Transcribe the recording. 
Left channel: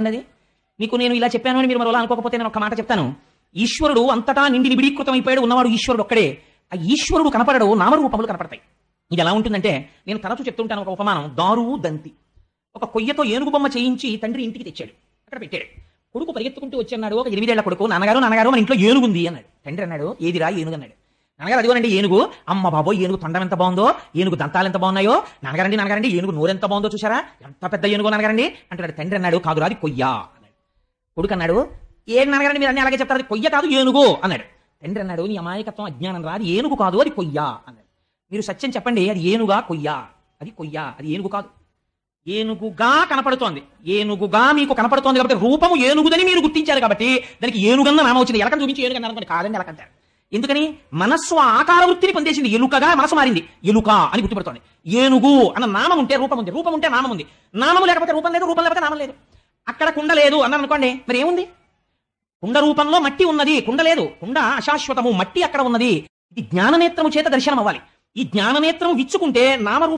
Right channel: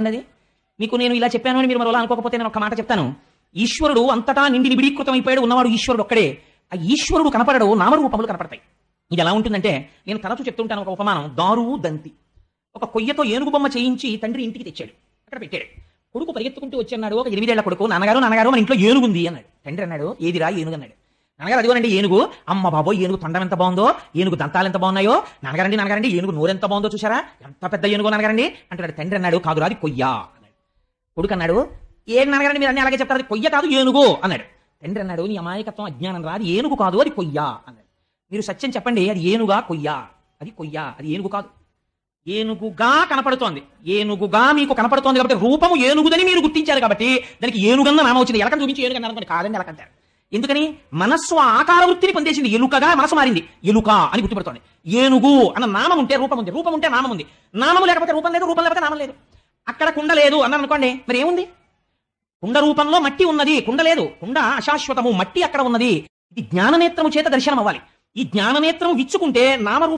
అన్నది మీకు నేను ఇలా చెప్పాను అని మీరు మరోలా అనుకోకపోతే నేను ఒక మాట చెప్తాను. ఈశ్వరుడు అంతటా నిండి నిబిడీకృతం అయిపోయాడు, ఉన్నవాడు ఈశ్వరుడు ఒక్కడే. ఆ ఈశ్వరుడు కనపడడు, నామరూపములు కనపడతాయి. ఇది ఎలా ఉంటుందంటే, నేను తరచు చెప్తుంటాను ఒక ఉపమానం. దారువు దంతి. ఒక కొయ్యతో ఏనుగు బొమ్మ చేయించి తండ్రి ఇంటికి తెచ్చాడు, అక్కడ పెట్టాడు. కొడుకు పరిగెత్తుకుంటూ వచ్చన్నాడు, ఒక 8 ఏళ్ల కొడుకు, నాన్నగారు మన ఇంట్లో ఏనుగుంది అన్నాడు. తండ్రి అన్నాడు, ఏదిరా ఏనుగు అన్నాడు. నాన్నగారు అదిగోనండి ఏనుగు. అమ్మ బాబో, ఏనుగు తొండం ఎంత బాగుందో, ఏనుగు దంతాలు ఎంత బాగున్నాయో. నాన్నగారండి ఏనుగు నోరెంత బాగుందో చూసారా, ఎంత పెద్ద ఏనుగు నాన్నగారండి అంటాడు. తండ్రి అన్నాడు, కాదురా అది కొయ్య అన్నాడు. కొడుకు అన్నాడు, ఏడు నాన్నగారండి మీరు అన్ని అలాగే చెప్తారు, అది కొయ్య కాదు ఏనుగు అన్నాడు. తండ్రి అన్నాడు, నీ అమాయకత్వం అజ్ఞానం రా, అది ఏనుగు కాదు, అది కొయ్య అన్నాడు. మీరు సత్యం చెప్పండి, అది ఏనుగా కొయ్య? అది కొయ్య, అది ఏనుగు కాదు. ఏనుగుగా కనపడుతోంది, ఏనుగుగా మీకు కనపడుతోంది కాబట్టి రూపము ఏనుగుదని మీరు గుర్తించారు కాబట్టి దానికి ఏనుగన్న నామం వచ్చింది. ఎలకని చూపించి ఏనుగన్నారు కాదని ఎలకంటారు. ఎందుకని? మనస్సు ఆకార వృత్తిని పొందేసింది. ఎలుకగా మనసు మారింది, ఎలుక అని గుర్తుపెడుతోంది. ఏనుగు అన్న నామం ఉంటే రూపం ఉంది, రూపం ఉంటే నామం ఉంది, నామం లేకపోతే రూపం లేదు, రూపం లేకపోతే నామం లేదు. అక్కడ కుండ లేదు అన్నారు అనుకోండి, మరి ఏముంది? కుండ రూపంలో మట్టి ఉన్నది, కుండ లేదు. కుండ అశాశ్వతము, మట్టి అక్కడ ఉన్నది. ఇది జ్ఞాననేత్రము చేత దర్శనం అవ్వాలి. ఈ జ్ఞాననేత్రము విచ్చుకుంటే నామరూపం